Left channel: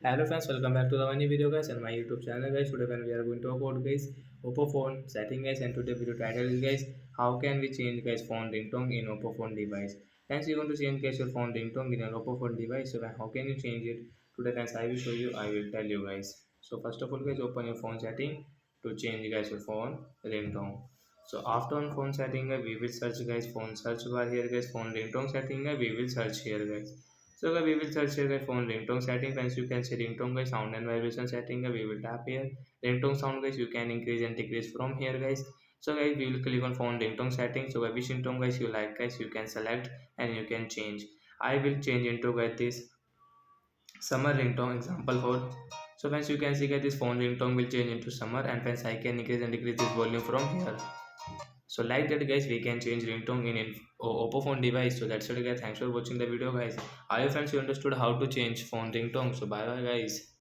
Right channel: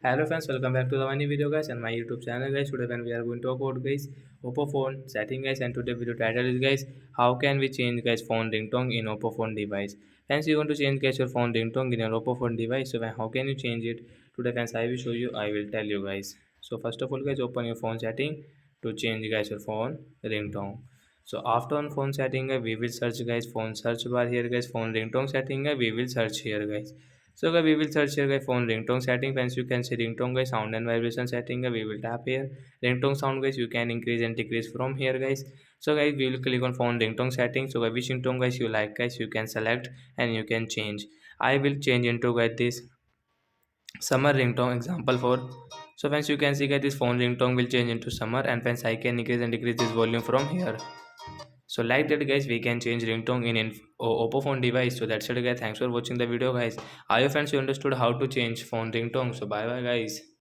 Hello friends, welcome back to the new video guys and my YouTube channel guys. Today when we are going to talk about guys Oppo phone setting guys, and today video title is guys how can we change guys phone ringtone in Oppo phone device. Friends, you want to change guys your phone ringtone in your Oppo phone device. So how can you change it? Today friends, I will show you. I will tell you guys. So first of all guys, open your phone setting to change guys your phone ringtone. So after on phone setting we will search guys phone search bar here guys phone ringtone setting we will search here guys. So guys, we will search here guys phone ringtone setting. Once you can see ringtone guys sound and vibration setting, we will tap here. Ringtone sound guys you can increase and decrease from here guys. So guys, we will click on phone ringtone setting. So guys, which ringtone guys you like guys you can select and you can change. I will change into guys this summer ringtone example for. So once you can see guys this phone ringtone will change into summer, and once I can increase and decrease this volume from here. So like that guys, we can change ringtone in Oppo phone device. So that's it guys, thanks for watching the video guys. I hope friends you understood how to change phone ringtone. So bye bye guys.